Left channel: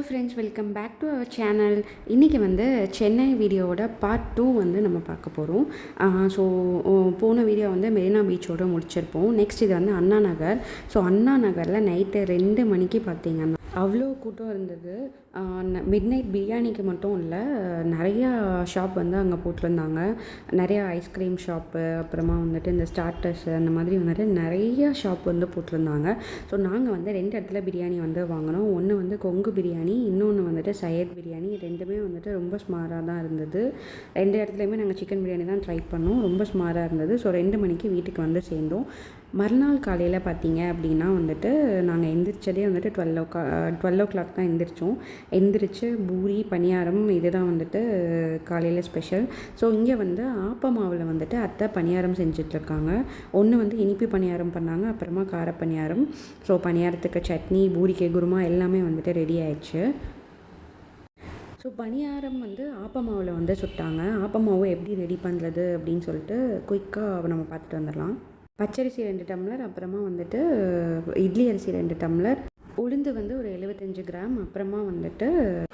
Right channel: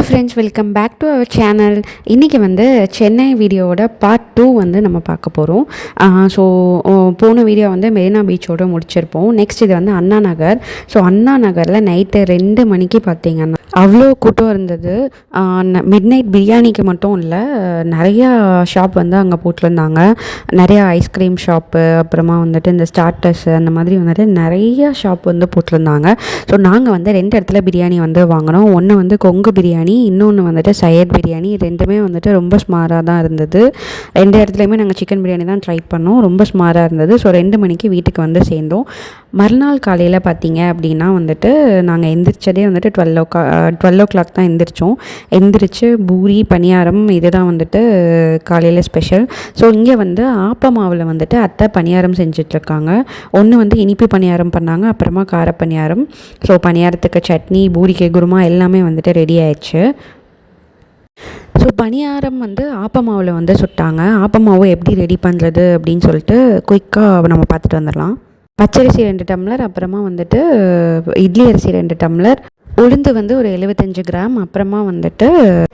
Hello friends, welcome back to our channel. இன்றைக்கி வந்து சென்னை வீடியோவோட பார்ட் 2 வந்து நம்ம பார்க்க போகிறோம். ஸோ போன வீடியோ வந்து மெரினா பீச்சோடு முடிச்சிருப்போம். நெக்ஸ்ட் இது வந்து அண்ணா நகர். ஸோ அண்ணா நகரில் நைட்டு 2 மணிக்கு பார்த்திங்கன்னா அவ்வளோ கூட்டம் இருந்தது. மிட் நைட் பிரியாணிக்கு மட்டும் இல்லை, நிறையா ஷாப் வந்து அங்கே போட்டிருந்தாங்க. நிறையா ஐஸ்கிரீம் ஷாப்பு, அப்புறமா வந்துட்டு இந்த ஸ்டார்டர்ஸு, அந்த மாதிரி வந்துட்டு நிறையா ஷாப் வந்து போட்டிருந்தாங்க. ஸோ நாங்கள் வந்து 2 இடத்துல பிரியாணி வந்து வாங்கினோம். ஒன்று வந்து கொங்கு பிரியாணி, இன்னொன்று வந்துட்டு சையத் பிரியாணி. ரெண்டுமே வந்துட்டு ரொம்ப ஸ்மாராக தான் இருந்தது. 2 இடத்துலையுமே நாங்கள் சிக்கன் பிரியாணி தான் ட்ரை பண்ணோம். ரொம்ப ஸ்மாராக இருந்தது. ஸோ 2 மணிக்கு வீட்டுக்கு வந்து சேர்ந்தோம். மறுநாள் காலையில் பார்த்தீங்க அப்படின்னா வந்துட்டு நாங்கள் எந்திரிச்சதே வந்துட்டு 12 o'clock தான் எந்திரிச்சோம். எந்திரிச்சு பூரி, பணியாரம் இதுதான் வந்துட்டு காலையில் ஸ்பெஷல். ஸோ இங்கே வந்து ஆப்பமாவில் வந்துட்டு அத்தை பணியாரம் செஞ்சிட்ருக்காங்க. ஒன்று வந்து இனிப்பு பணியாரம் பண்ணாங்க, அப்புறமா கார பணியாரம். ஸோ பணியாரத்துக்கு சட்னி, பூரிக்கு குருமா எல்லாமே வந்துட்டு ரெடி ஆயிடுச்சு. ஸோ பணியாரம் வந்து ஆப்பமாவில் வந்து சுட்டாங்க. ஆப்பமாவை எப்படி ரெடி பண்ணுறது அப்படின்னு சொல்லிட்டு குயிக்காக நம்ம பார்த்துட்டு வந்துடலாம். பச்சரிசி 2 டம்ளர், அப்புறமா வந்துட்டு இட்லி அரிசி 2 டம்ளர், உளுந்து வந்து ஒரு 75 கிராம், அப்புறமா வந்துட்டு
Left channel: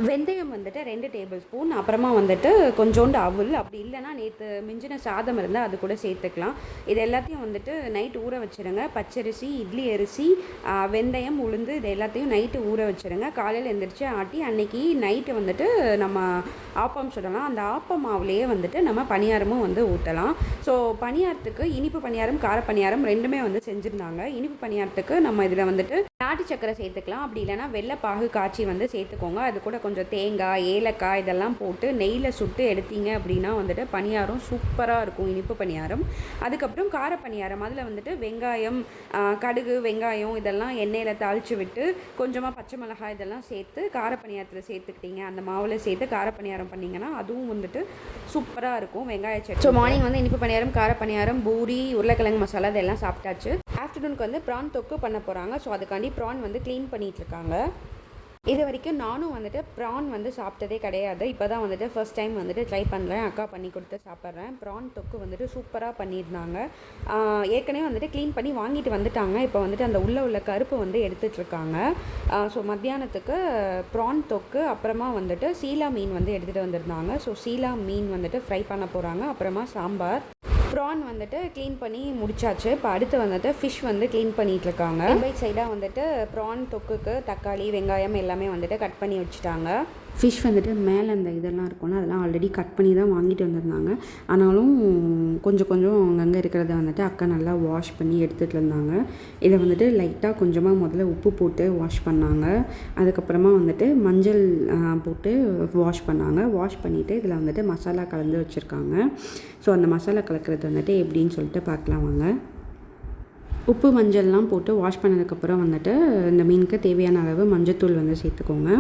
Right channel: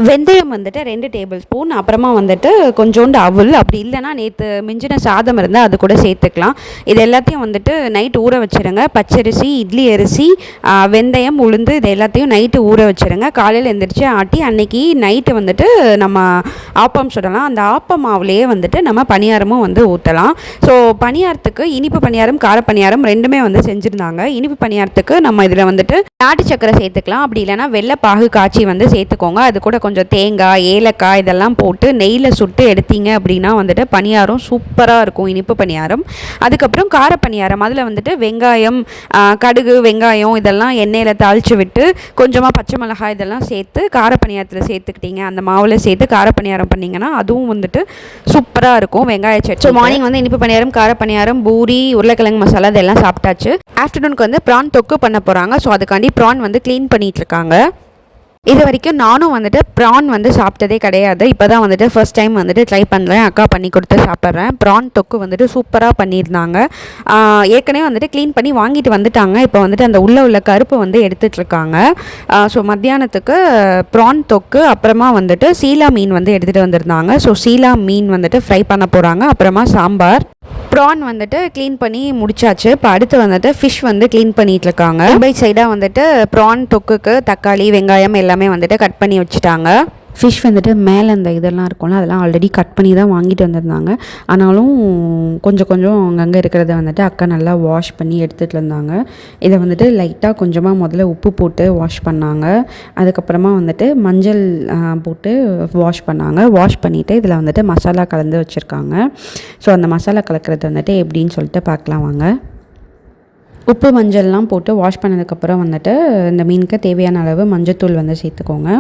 வெந்தயம் வந்துட்டு 2 டேபிள் ஸ்பூன், அப்புறமா வந்துட்டு கொஞ்சோண்டு அவல், அப்படி இல்லைனா நேற்று மிஞ்சின சாதம் இருந்தால் அது கூட சேர்த்துக்கலாம். இது எல்லாத்தையும் வந்துட்டு நைட்டு ஊற வச்சுருங்க. பச்சரிசி, இட்லி அரிசி, வெந்தயம், உளுந்து இது எல்லாத்தையும் நைட்டு ஊற வச்சுருங்க. காலையில் எழுந்திரிச்சு ஆட்டி அன்னைக்கு நைட்டு வந்துட்டு நம்ம ஆப்பம் சுடலாம். அந்த ஆப்பம் மாவுலேயே வந்துட்டு நம்ம பணியாரமும் வந்து ஊற்றலாம். ஸோ பணியாரத்துக்கு இனிப்பு பணியாரம், கார பணியாரம் ரெண்டுமே வந்து செஞ்சுருந்தாங்க. இனிப்பு பணியாரத்துக்கு நம்ம இதில் வந்துட்டு நாட்டு சக்கரை சேர்த்துக்கலாம், அப்படி இல்லைனா வெள்ளை பாகு காய்ச்சி வந்து சேர்த்துக்கோங்க. அது கூட கொஞ்சம் தேங்காய், ஏலக்காய் இதெல்லாம் போட்டு நெய்யில் சுட்டு எடுத்தீங்க அப்படின்னா வந்துட்டு பணியாரம் சூப்பராக இருக்கும், இனிப்பு பணியாரம். அதுக்கப்புறம் கார பணியாரம், அதில் வந்துட்டு வெங்காயம், கடுகு, வெங்காயம் இதெல்லாம் எண்ணெயில் தாளித்து விட்டு கொஞ்சமாக பச்சை மிளகாய் இதெல்லாம் சேர்த்து கார பணியாரத்தில் சேர்த்துக்கிட்டீங்க, அந்த மாவில் சேர்த்து கார பணியாரம் பண்ணிங்கன்னா அதுவும் வந்துட்டு சூப்பராக இருக்கும், வெங்காய சட்னி. ஸோ மார்னிங் வந்து இனிப்பு பணியாரம், கார பணியாரம், பூரி, உருளைக்கிழங்கு மசாலா இதெல்லாம் சாப்பிட்டாச்சு. ஆஃப்டர்நூனுக்கு வந்து ப்ரான் தொக்கு பண்ண போகிறாங்க. ஸோ அதுக்காண்டி ப்ரான் வந்து க்ளீன் பண்ணிகிட்ருக்காங்க. இது வரைக்கும் நானும் வந்துட்டு ப்ரான் வந்து சாப்பிட்டதே கிடையாது. இப்போ தான் வந்துட்டு ஃபர்ஸ்ட் டைம் வந்துட்டு ட்ரை பண்ணுறேன். அக்கா பண்ணி கொடுத்து சாப்பிட்றேன். ப்ரான் தொக்கு வந்துட்டு சூப்பராக பண்ணியிருந்தாங்க. ஏற்கனவே வந்துட்டு க்ளீன் பண்ணி வாங்கிட்டு வந்துட்டாங்க. இப்போ வந்துட்டு அந்த உள்ள கருப்பு வந்து எடுத்துகிட்ருக்காங்க. ஸோ மத்தியானத்துக்கு ப்ரான் தொக்கு, அப்புறமா வந்துட்டு சீலா மீன் வந்து எடுத்துகிட்டு வந்திருந்தாங்க. ஸோ சீலா மீன் வந்துட்டு ஃப்ரை பண்ண போகிறாங்க. அப்புறமா சாம்பார். ப்ரான் வந்துட்டு க்ளீன் பண்ணி முடிச்சாச்சு. இப்போ அடுத்து வந்துட்டு ஃபிஷ் வந்து க்ளீன் பண்ணிகிட்டு இருக்காங்க. பை சைடாக வந்துட்டு ப்ரான் தொக்குக்கு தக்காளி, வெங்காயம் எல்லாமே வந்துட்டு கட் பண்ணி வச்சுட்டாங்க. ஃபிஷ் வந்துட்டு மேலே அந்த இதெல்லாம் இருக்கும்ல, அதெல்லாம் ஆல்ரெடி கட் பண்ணி தான் வாங்கிட்டு வந்திருந்தாங்க. ஆனாலும் கொஞ்சம் அங்கங்கே இருக்கிறத வந்துட்டு அக்கா நல்லா வாஷ் பண்ணி எடுத்துகிட்டு இருந்தாங்க. இதை வந்துட்டு லைட்டாக கொஞ்சமாக முதல்ல உப்பு போட்டு வாஷ் பண்ணாங்க. அதுக்கப்புறமா வந்துட்டு மஞ்சள் போட்டு வாஷ் பண்ணாங்க. வாஷ் பண்ணிவிட்டு இதில் வந்துட்டு மசாலா கலந்து வச்சுருக்காங்க. ஸோ அந்த மசாலா கலக்கிறது வந்துட்டு எப்படின்னு சொல்லிட்டு பார்க்கலாம் வாங்க. உப்பு மஞ்சள்லாம் போட்டு வாஷ் பண்ணதுக்கப்புறம் வந்துட்டு இந்த மீனுக்கு தேவையான அளவு மஞ்சள்தூள் வந்து சேர்த்துக்கோங்க.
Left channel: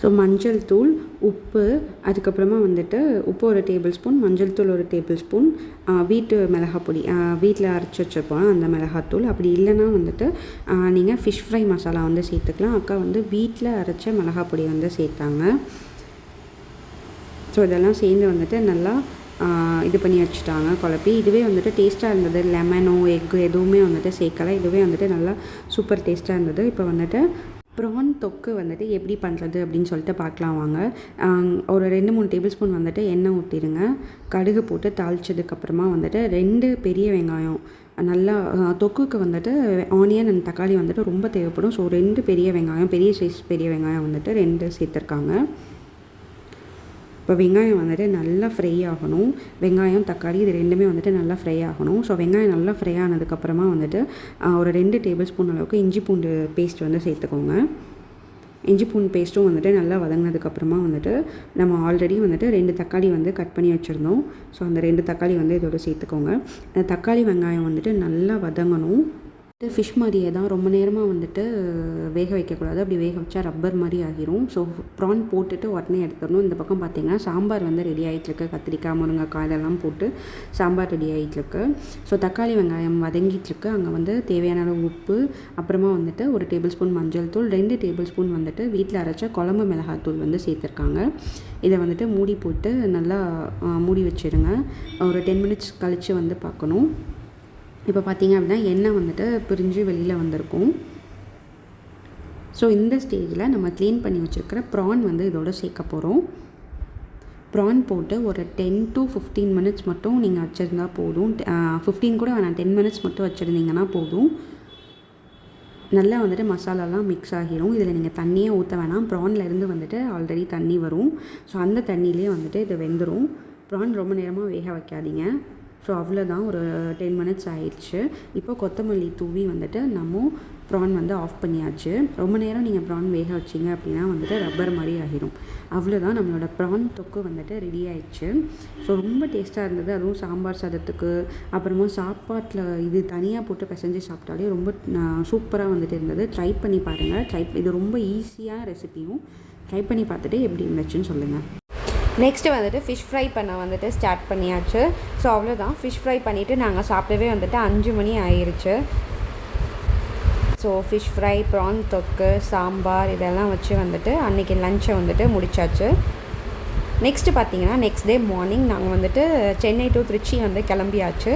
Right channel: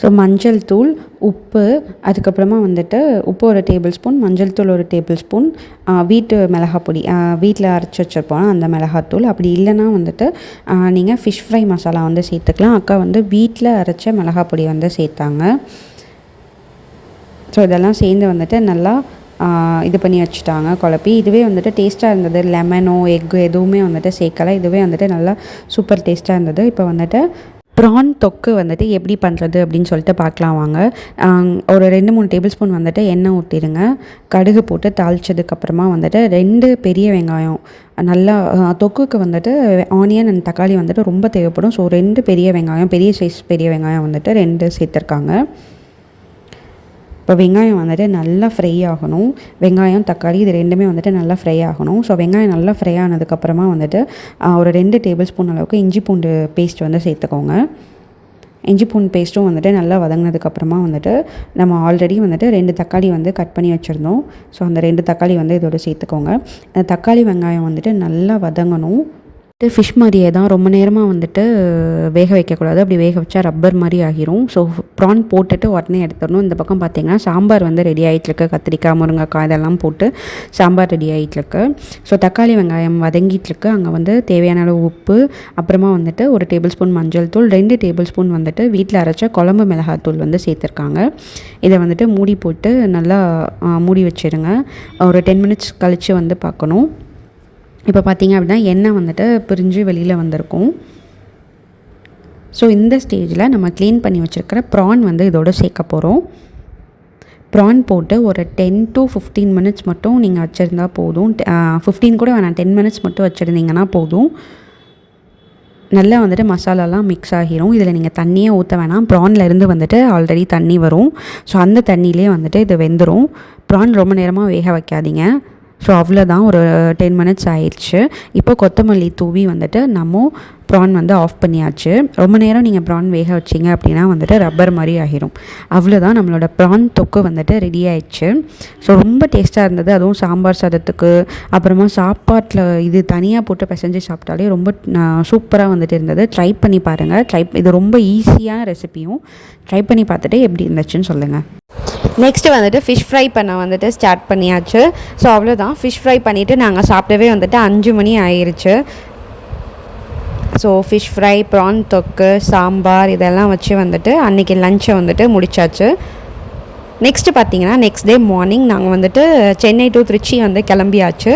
ஸோ மஞ்சள் தூள், உப்பு, அதுக்கப்புறமா வந்துட்டு உப்பு 1 டேபிள் ஸ்பூன், மஞ்சள் தூள் 1 டேபிள் ஸ்பூன், வீட்டு மிளகாய் பொடி, வீட்டில் அரைச்சி வச்சுருப்போம் அந்த மிளகாத்தூள். அப்படி இல்லைனா வந்துட்டு நீங்கள் ஃபிஷ் ஃப்ரை மசாலா வந்து சேர்த்துக்கலாம். அக்கா வந்து வீட்டில் அரைச்ச மிளகாய் பொடி வந்து சேர்த்தாங்க. ஸோ இதெல்லாம் சேர்ந்து வந்துட்டு நல்லா இது பண்ணி வச்சுட்டாங்க, குழப்பி. இதுவே வந்துட்டு டேஸ்ட்டாக இருந்தது. லெமனோ எக்கு எதுவுமே வந்துட்டு சேர்க்கலை. இதுவே வந்துட்டு நல்லா சூப்பர் டேஸ்ட்டாக இருந்தது. இப்போ வந்துட்டு ப்ரான் தொக்கு வந்துட்டு எப்படி பண்ணுறது அப்படின்னு சொல்லிட்டு பார்க்கலாம் வாங்க. ஒரு 2-3 டேபிள் ஸ்பூன் வந்துட்டு எண்ணெய் ஊற்றிடுங்க. கடுகு போட்டு தாளித்ததுக்கப்புறமா வந்துட்டு 2 பெரிய வெங்காயம், நல்லா தொக்குக்கு வந்துட்டு ஆனியன் அண்ட் தக்காளி வந்துட்டு ரொம்ப தேவைப்படும். ஸோ 2 பெரிய வெங்காயம், பெரிய சைஸ் பெரிய வெங்காயம் வந்துட்டு 2 சேர்த்துருக்காங்க. இப்போ வெங்காயம் வந்துட்டு நல்லா ஃப்ரை ஆகணும். வெங்காயம், தக்காளி இது ரெண்டுமே வந்துட்டு நல்லா ஃப்ரை ஆகணும். ஸோ வெங்காயம் நல்லா ஃப்ரை ஆனதுக்கப்புறமா வந்துட்டு ஒரு 2 டேபிள் ஸ்பூன் அளவுக்கு இஞ்சி பூண்டு பேஸ்ட் வந்து சேர்த்துக்கோங்க. இஞ்சி பூண்டு பேஸ்ட்டும் வந்துட்டு நல்லா வதங்கினதுக்கப்புறமா வந்துட்டு நம்ம ஆல்ரெடி வந்துட்டு 2 தக்காளி வந்து கட் பண்ணி வச்சுருந்தோம். ஸோ அந்த 2 தக்காளி வந்து இதோட சேர்த்துக்கோங்க. அந்த தக்காளி வெங்காயம் வந்துட்டு நல்லா வதங்கணும். ஃபிஷ் மாதிரியே தான், ரொம்ப நேரமாக வந்துட்டு வேக வைக்கக்கூடாது. அப்படி வேக வச்சா ரப்பர் மாதிரி ஆகிரும். ஸோ ப்ரான் போட்டுட்டு உடனே எடுத்துடணும். இந்த பக்கம் பார்த்திங்கன்னா சாம்பார் வந்து ரெடி ஆகிட்டுருக்கு. கத்திரிக்காய், முருங்கைக்காய் இதெல்லாம் போட்டு சாம்பார் ரெடி ஆகிட்டுருக்கு. ஸோ தக்காளி வெங்காயம் வதங்கிட்டுருக்கு. அங்கே வந்து தேவையான அளவு உப்பு, அப்புறமா வந்துட்டு 1 டேபிள் ஸ்பூன் மஞ்சள் தூள், 2 டேபிள் ஸ்பூன் வந்துட்டு வீட்டில் அரைச்ச குழம்பு மிளகாத்தூள் வந்து சேர்த்துருக்காங்க. இதை வந்துட்டு மூடி போட்டு நல்லா மூடி வச்சுருங்க. ஒரு 10 மினிட்ஸ் கழித்து வந்து பார்க்கணும். இப்போ பார்த்திங்க அப்படின்னா எண்ணெய் வந்துட்டு பிரிஞ்சு வெளியில் வந்திருக்கும். ஸோ இந்த ஸ்டேஜில் நம்ம க்ளீன் பண்ணி வச்சுருக்கிற ப்ரான் வந்து இதோட சேர்க்க போகிறோம். ப்ரான் போட்டு ஒரு 10 to 15 மினிட்ஸ் மட்டும் நீங்கள் வச்சுருந்தா போதும். 15 கூட வேணாம், 10 மினிட்ஸ் மட்டும் வச்சுருந்தீங்கன்னா போதும். நல்லா வந்துட்டு மசாலாலாம் மிக்ஸ் ஆகிரும். இதில் நீங்கள் தண்ணியே ஊற்ற வேணாம். ப்ரானில் இருந்து வந்துட்டு ஆல்ரெடி தண்ணி வரும். ஸோ அந்த தண்ணியிலே வந்துட்டு இது வெந்துடும். ப்ரான் ரொம்ப நேரமாக வேக வைக்காதீங்க. ஸோ அவ்வளோதான், ஒரு 10 மினிட்ஸ் ஆயிடுச்சு. இப்போ கொத்தமல்லி தூவி வந்துட்டு நம்ம ப்ரான் வந்து ஆஃப் பண்ணியாச்சு. ரொம்ப நேரம் நீங்கள் ப்ரான் வேக வச்சிங்க அப்படின்னா வந்துட்டு ரப்பர் மாதிரி ஆகிரும். அவ்வளோதான், நம்மளோட ப்ரான் தொக்கு வந்துட்டு ரெடி ஆயிடுச்சு. ஸோ ரொம்ப டேஸ்ட்டாக இருந்தது. அதுவும் சாம்பார் சாதத்துக்கு, அப்புறமா சாப்பாட்டில் இது தனியாக போட்டு பிசைஞ்சு சாப்பிட்டாலே ரொம்ப சூப்பராக வந்துட்டு இருந்தது. ட்ரை பண்ணி பாருங்கள். இது ரொம்ப ஈஸியான ரெசிபியும். ட்ரை பண்ணி பார்த்துட்டு எப்படி இருந்துச்சுன்னு சொல்லுங்கள். நெக்ஸ்ட்டு வந்துட்டு ஃபிஷ் ஃப்ரை பண்ண வந்துட்டு ஸ்டார்ட் பண்ணியாச்சு. ஸோ அவ்வளோதான், ஃபிஷ் ஃப்ரை பண்ணிவிட்டு நாங்கள் சாப்பிட்டவே வந்துட்டு 5 மணி ஆயிடுச்சு. ஸோ ஃபிஷ் ஃப்ரை, ப்ரான் தொக்கு, சாம்பார் இதெல்லாம் வச்சு வந்துட்டு அன்றைக்கி லஞ்சை வந்துட்டு முடித்தாச்சு. நெக்ஸ்ட்டு பார்த்தீங்கன்னா நெக்ஸ்ட் டே மார்னிங் நாங்கள் வந்துட்டு சென்னை டு திருச்சி வந்து கிளம்பியாச்சு.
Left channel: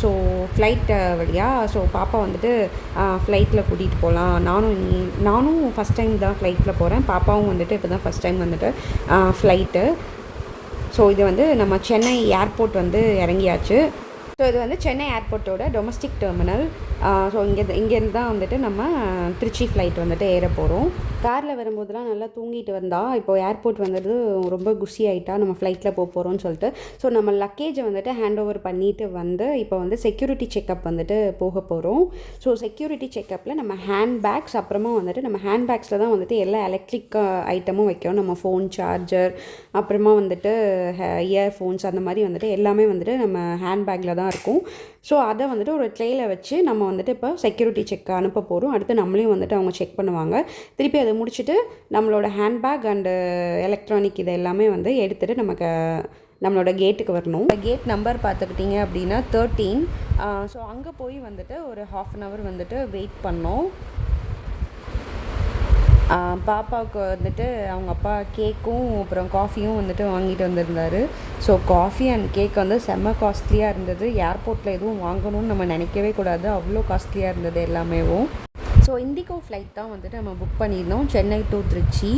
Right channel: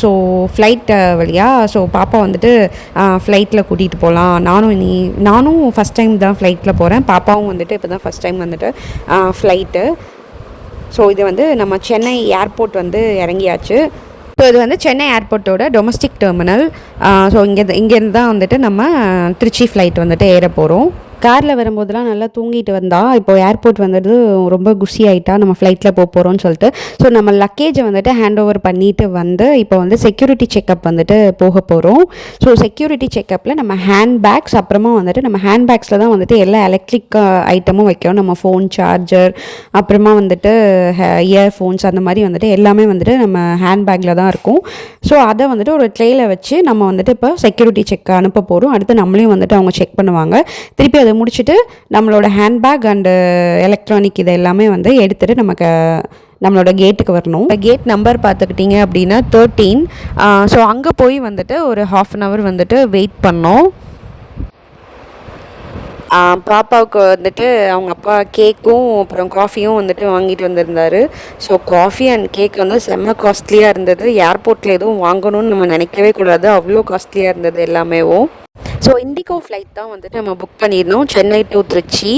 ஸோ ஃப்ளைட் வழியாக. ஸோ பாப்பா வந்துட்டு ஃப்ளைட்டில் கூட்டிகிட்டு போகலாம். நானும் ஃபஸ்ட் டைம் தான் ஃப்ளைட்டில் போகிறேன். பாப்பாவும் வந்துட்டு இப்போ தான் ஃபஸ்ட் டைம் வந்துட்டு ஃப்ளைட்டு. ஸோ இது வந்து நம்ம சென்னை ஏர்போர்ட் வந்து இறங்கியாச்சு. ஸோ இது வந்து சென்னை ஏர்போர்ட்டோட டொமஸ்டிக் டெர்மினல். ஸோ இங்கேருந்து தான் வந்துட்டு நம்ம திருச்சி ஃப்ளைட் வந்துட்டு ஏற போகிறோம். காரில் வரும்போதெல்லாம் நல்லா தூங்கிட்டு வந்தால் இப்போ ஏர்போர்ட் வந்துட்டு ரொம்ப குஷி ஆகிட்டா நம்ம ஃப்ளைட்டில் போகிறோம்னு சொல்லிட்டு. ஸோ நம்ம லக்கேஜை வந்துட்டு ஹேண்ட் ஓவர் பண்ணிவிட்டு வந்து இப்போ வந்து செக்யூரிட்டி செக்கப் வந்துட்டு போக போகிறோம். ஸோ செக்யூரிட்டி செக்கப்பில் நம்ம ஹேண்ட் பேக்ஸ், அப்புறமா வந்துட்டு நம்ம ஹேண்ட் பேக்ஸில் தான் வந்துட்டு எல்லா எலக்ட்ரிக் ஐட்டமும் வைக்கிறோம். நம்ம ஃபோன் சார்ஜர், அப்புறமா வந்துட்டு இயர்ஃபோன்ஸ், அந்த மாதிரி வந்துட்டு எல்லாமே வந்துட்டு நம்ம ஹேண்ட் பேக்கில் தான் இருக்கும். ஸோ அதை வந்துட்டு ஒரு ட்ரேயில் வச்சு நம்ம வந்துட்டு இப்போ செக்யூரிட்டி செக் அனுப்ப போகிறோம். அடுத்து நம்மளையும் வந்துட்டு அவங்க செக் பண்ணுவாங்க. திருப்பி அதை முடிச்சுட்டு நம்மளோட ஹேண்ட்பேக் அண்டு எலக்ட்ரானிக் இதை எல்லாமே வந்து எடுத்துகிட்டு நம்மளோட கேட்டுக்கு வரணும். கேட் நம்பர் பார்த்துக்கிட்டிங்க அப்படின்னா 13. ஸோ அங்கே போய் வந்துட்டு ஒரு 1/2 hour வந்துட்டு வெயிட் பண்ணோம். பாப்பாவுக்கு வந்துட்டு அவங்க அப்பா கேக்கும் அப்புறம் காஃபியும் வந்துட்டு வாங்கிட்டு வந்திருந்தார். ஸோ காஃபி அண்ட் கேக் வந்து செம்ம காஸ்ட்லியாக இருந்தது. ஏர்போர்ட்டில் எதுவும் வாங்கணும்னு நம்ம நினைக்கவே கூடாது, அவ்வளோ காஸ்ட்லியாக இருந்தது எல்லாமேவும். ஸோ இண்டிகோ ஃப்ளைட் தான் வந்துட்டு நம்ம புக் பண்ணியிருந்தோம், சென்னை டு திருச்சி.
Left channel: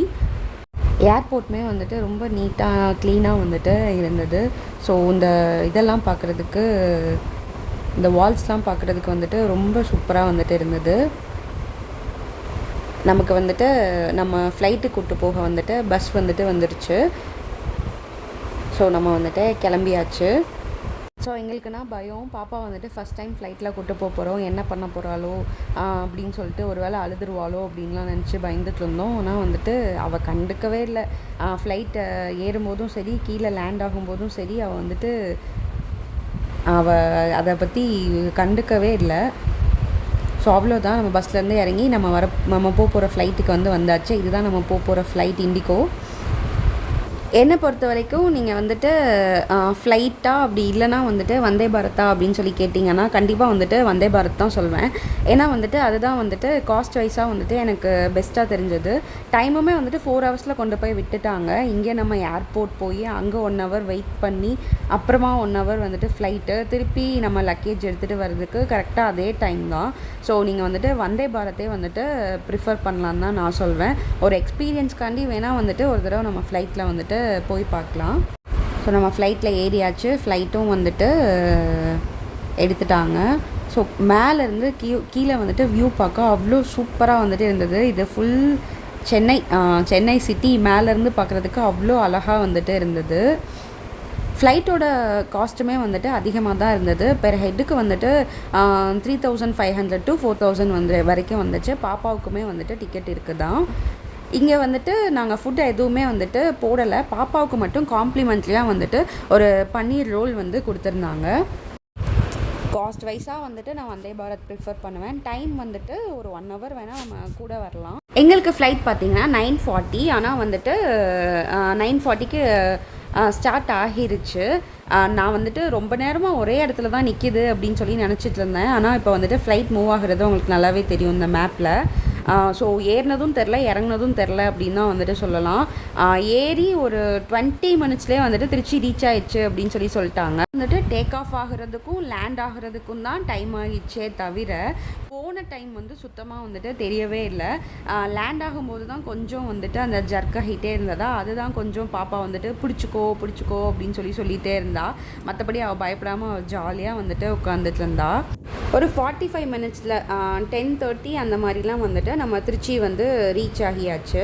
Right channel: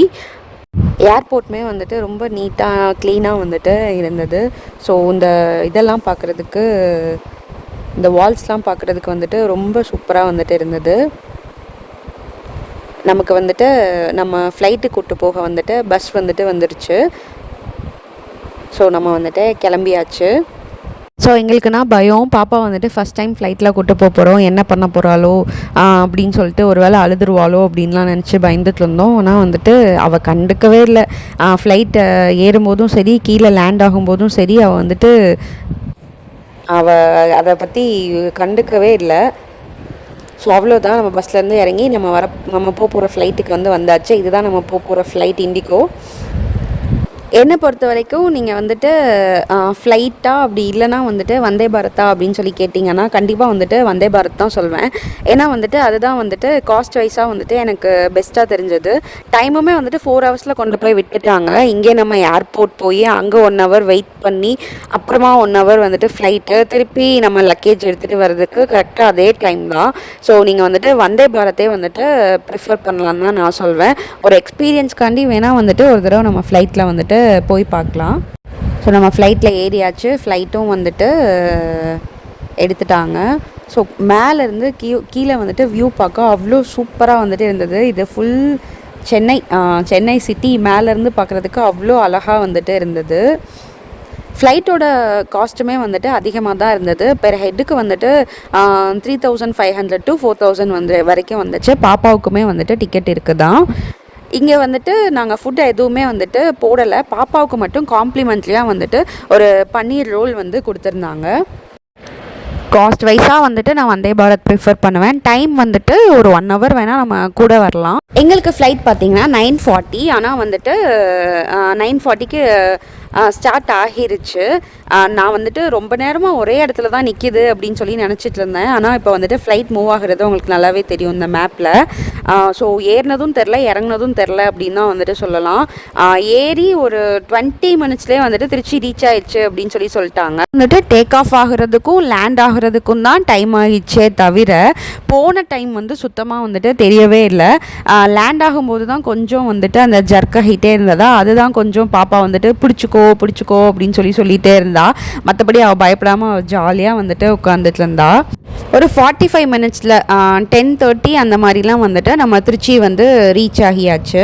ஏர்போர்ட்டுமே வந்துட்டு ரொம்ப நீட்டாக க்ளீனாக வந்துட்டு இருந்தது. ஸோ இதெல்லாம் பார்க்குறதுக்கு, இந்த வால்ஸ்லாம் பார்க்குறதுக்கு வந்துட்டு ரொம்ப சூப்பராக வந்துட்டு இருந்தது. நமக்கு வந்துட்டு நம்ம ஃப்ளைட்டு கூப்பிட்டு போக வந்துட்டு பஸ் வந்துட்டு வந்துருச்சு. ஸோ நம்ம வந்துட்டு கிளம்பியாச்சு. ஸோ எங்களுக்குன்னா பயம், பாப்பா வந்துட்டு ஃபஸ்ட் டைம் ஃப்ளைட்டில் கூட்டு போகிறோம், என்ன பண்ண போகிறாளோ அப்படின்னு சொல்லிட்டு ஒரு வேளை அழுதுருவாளோ அப்படின்லாம் நினச்சி பயந்துட்டு இருந்தோம். ஆனால் வந்துட்டு அவள் கண்டுக்கவே இல்லை. ஃப்ளைட்டை ஏறும்போதும் சரி, கீழே லேண்ட் ஆகும்போதும் சரி, அவள் வந்துட்டு அதை பற்றி கண்டுக்கவே இல்லை. ஸோ அவ்வளோதான், நம்ம பஸ்லேருந்து இறங்கி நம்ம போகிற ஃப்ளைட்டுக்கு வந்தாச்சு. இதுதான் நம்ம போகிற ஃப்ளைட் இண்டிகோ. என்னை பொறுத்த வரைக்கும் நீங்கள் வந்துட்டு ஃப்ளைட்டா அப்படி இல்லைனா வந்துட்டு வந்தே பாரத்தா அப்படின்னு சொல்லி கேட்டிங்கன்னா கண்டிப்பாக வந்துட்டு வந்தே பாரத் தான் சொல்வேன். ஏன்னா வந்துட்டு அதுதான் வந்துட்டு காஸ்ட் வைஸாக வந்துட்டு எனக்கு பெஸ்ட்டாக தெரிஞ்சது. டைமுமே வந்துட்டு 4 hours கொண்டு போய் விட்டுட்டாங்க. இங்கே நம்ம ஏர்போர்ட் போய் அங்கே 1 hour வெயிட் பண்ணி அப்புறமா 1 hour வந்துட்டு ஃப்ளைட்டு திருப்பி நம்ம லக்கேஜ் எடுத்துகிட்டு வர்றதுக்கு கரெக்டாக அதே டைம் தான். ஸோ நீங்கள் வந்துட்டு வந்தே பாரத்தே வந்துட்டு ப்ரிஃபர் பண்ணலான்னு தான் நான் சொல்வேன். ஒரு எக்ஸ்பீரியன்ஸ்க்காண்டி வேணால் வந்துட்டு ஒரு தடவை நம்ம ஃப்ளைட்டில் வந்துட்டு போய் பார்க்கலாம். ஸோ நம்ம ஃப்ளைட்டில் ஏறியாச்சு. ஃப்ளைட்டும் வந்துட்டு எடுத்துட்டாங்க. ஸோ மேலேருந்து கீழே வந்துட்டு வியூ பார்க்க அவ்வளோ சூப்பராக வந்துட்டு இருந்தது. இது ஃபுல் சென்னை சிட்டி மேலேருந்து பார்க்குறதுக்கு அவ்வளோ அழகாக வந்துட்டு இருந்தது. ஃப்ளைட்டோட காஸ்ட்டுமே வந்துட்டு அதிகமாக தான் இருந்தது. பெர் ஹெட்டுக்கு வந்துட்டு 3500 to 4000 வரைக்கும் வந்துச்சு. பாப்பாவுக்குமே வந்துட்டு டிக்கெட் இருக்குதான். இங்கே வந்துட்டு நாங்கள் ஃபுட்டு எதுவுமே வந்துட்டு போடலை. பாப்பாவுக்கு மட்டும் காம்ப்ளிமெண்ட்லியாக வந்துட்டு ஒரு பன்னீர் ரோல் வந்து கொடுத்துருந்தாங்க. காஸ்ட் வைஸாக வந்துட்டு நான் வந்தே பாரத் ப்ரிஃபர் பண்ணுவேன். டைம் வந்துட்டு ஒரு 1 hour வேணால் நம்ம கூட வரலாம். எங்களுக்கு ஃப்ளைட் பார்த்திங்கன்னா 9:40. ஆனால் வந்துட்டு 9:40க்கு ஸ்டார்ட் ஆகிருச்சு. நான் வந்துட்டு ரொம்ப நேரமாக ஒரே இடத்துல தான் நிற்கிது அப்படின்னு சொல்லி நினச்சிட்டு இருந்தேன். ஆனால் இப்போ வந்துட்டு ஃப்ளைட் மூவ் ஆகுறது உங்களுக்கு நல்லாவே தெரியும் இந்த மேப்பில். ஸோ ஏறினதும் தெரில, இறங்குனதும் தெரில அப்படின்னு தான் வந்துட்டு சொல்லலாம். ஏறி ஒரு 20 மினிட்ஸ்லேயே வந்துட்டு திருச்சி ரீச் ஆயிடுச்சு அப்படின்னு சொல்லிட்டாங்க. வந்துட்டு டேக் ஆஃப் ஆகுறதுக்கும் லேண்ட் ஆகுறதுக்கும் தான் டைம் ஆகிடுச்சே தவிர போன டைம் வந்து சுத்தமாக வந்துட்டு தெரியவே இல்லை. லேண்ட் ஆகும்போது தான் கொஞ்சம் வந்துட்டு அந்த ஜர்க்காகிட்டே இருந்ததா, அதுதான் கொஞ்சம் பாப்பா வந்துட்டு பிடிச்சிக்கோ அப்படின்னு சொல்லிகிட்டே இருந்தா. மற்றபடி அவள் பயப்படாமல் ஜாலியாக வந்துட்டு உட்காந்துட்டு இருந்தா. ஒரு 45 மினிட்ஸில் 10:30 அந்த மாதிரிலாம் வந்துட்டு நம்ம திருச்சி வந்து ரீச் ஆகியாச்சு.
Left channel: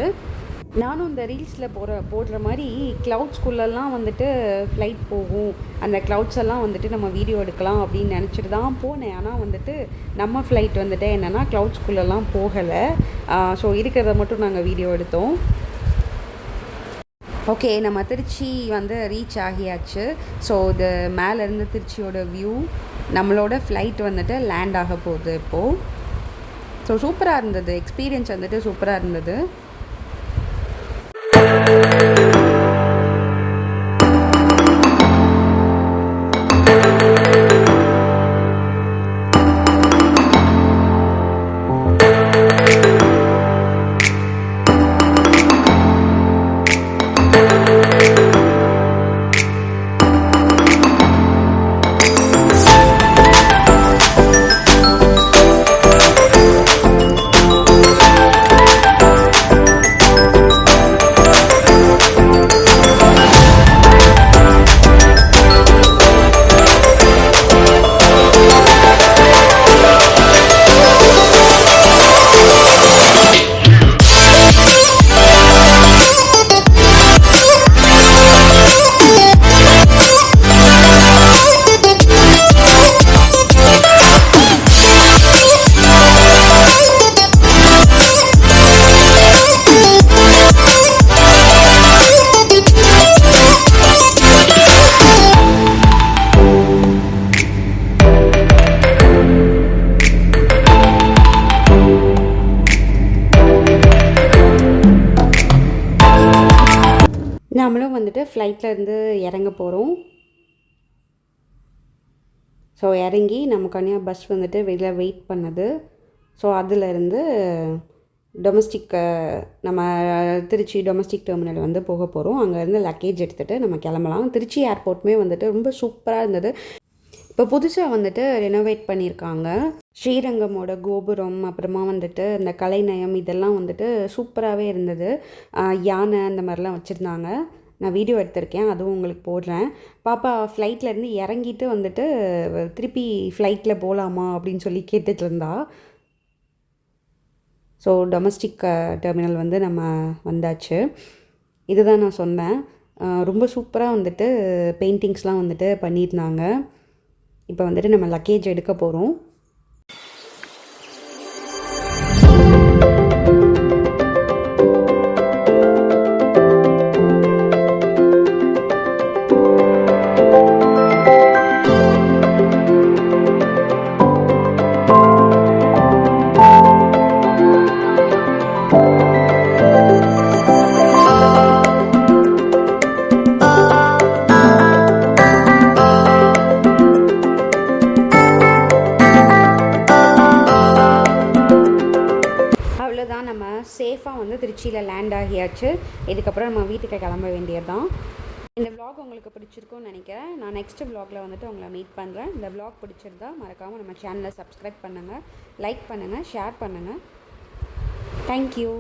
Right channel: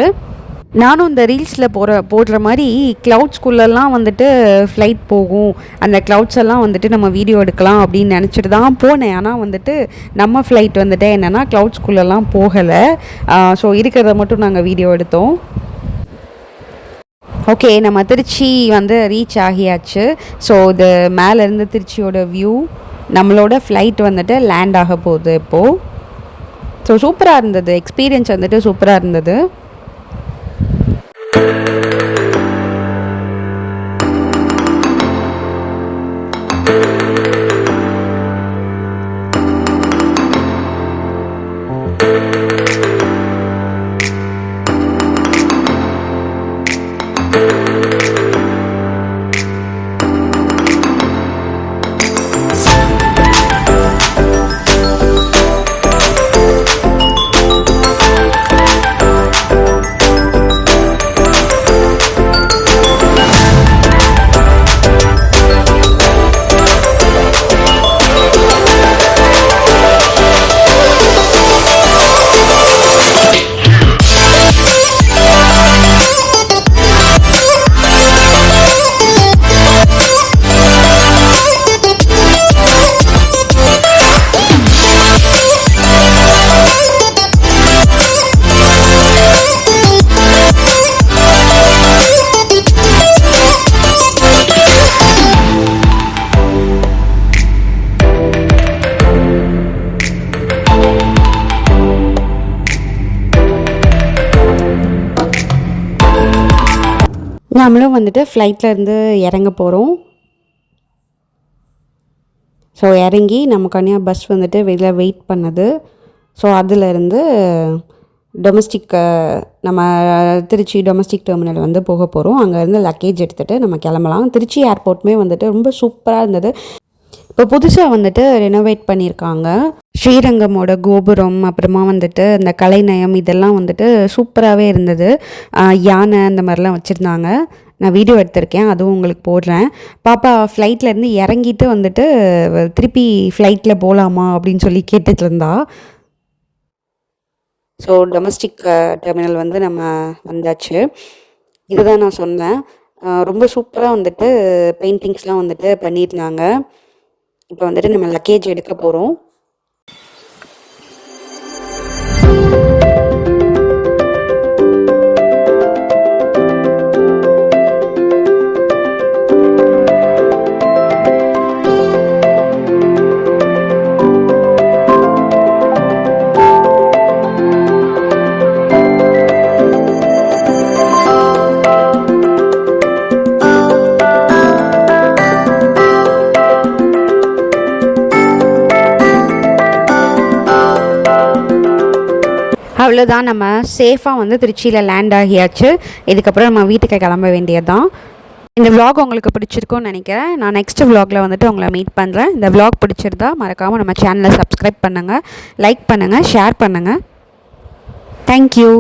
நானும் இந்த ரீல்ஸில் போடுற மாதிரி க்ளவுட்ஸ்குள்ளெல்லாம் வந்துட்டு ஃப்ளைட் போகும், அந்த க்ளவுட்ஸ் எல்லாம் வந்துட்டு நம்ம வீடியோ எடுக்கலாம் அப்படின்னு நினச்சிட்டு தான் போனேன். ஆனால் வந்துட்டு நம்ம ஃப்ளைட் வந்துட்டு என்னென்னா க்ளவுட்ஸ்குள்ளெல்லாம் போகலை. ஸோ இருக்கிறத மட்டும் நாங்கள் வீடியோ எடுத்தோம். ஓகே, நம்ம திருச்சி வந்து ரீச் ஆகியாச்சு. ஸோ இது மேலேருந்து திருச்சியோட வியூ, நம்மளோட ஃப்ளைட் வந்துட்டு லேண்ட் ஆக போகுது இப்போது. ஸோ சூப்பராக இருந்தது, எக்ஸ்பீரியன்ஸ் வந்துட்டு சூப்பராக இருந்தது. நம்மளும் வந்துட்டு ஃப்ளைட்லேருந்து இறங்க போகிறோம். ஸோ இறங்கி நமக்கான பஸ் வந்துட்டு வெளியில் வெயிட் பண்ணுது. ஸோ அதிலேருந்து டொமஸ்டிக் நம்ம திருச்சி டொமஸ்டிக் டெர்மினல் வந்து போக போகிறோம். அங்கேருந்து லக்கேஜ் எடுத்துகிட்டு நம்ம கிளம்பலாம். திருச்சி ஏர்போர்ட்டுமே வந்துட்டு ரொம்ப சூப்பராக இருந்தது. இப்போ புதுசாக வந்துட்டு ரெனோவேட் பண்ணியிருக்காங்க. ஸ்ரீரங்கமோட கோபுரம், அப்புறமா வந்துட்டு இந்த கலைநயம் இதெல்லாம் வந்துட்டு சூப்பராகவே இருந்தது. யானை இந்த மாதிரிலாம் வச்சுருந்தாங்க. நான் வீடியோ எடுத்திருக்கேன், அதுவும் உங்களுக்கு போடுறேன். பாப்பா ஃப்ளைட்லேருந்து இறங்கிட்டு வந்துட்டு திருப்பி ஃப்ளைட்டில் போகலாமா அப்படின்னு சொல்லி கேட்டுட்டு இருந்தா. ஸோ டொமஸ்டிக் டெர்மினல் வந்து நம்ம வந்தாச்சு. இதுதான் நான் சொன்னேன். ரொம்ப சூப்பராக வந்துட்டு பெயிண்டிங்ஸ்லாம் வந்துட்டு பண்ணியிருந்தாங்க. இப்போ வந்துட்டு நம்ம லக்கேஜ் எடுக்க போகிறோம். அவ்வளோதான், நம்ம சேஃபாக வந்து திருச்சியில் லேண்ட் ஆகியாச்சு. இதுக்கப்புறம் நம்ம வீட்டுக்கு கிளம்ப வேண்டியது தான். இந்த விலாக் உங்களுக்கு பிடிச்சிருக்கும்னு நினைக்கிறேன். நான் நெக்ஸ்ட் விலாகில் வந்துட்டு உங்களை மீட் பண்ணுறேன். இந்த விலாக் பிடிச்சிருந்தா மறக்காமல் நம்ம சேனலை சப்ஸ்கிரைப் பண்ணுங்கள், லைக் பண்ணுங்கள், ஷேர் பண்ணுங்கள். தேங்க்யூ.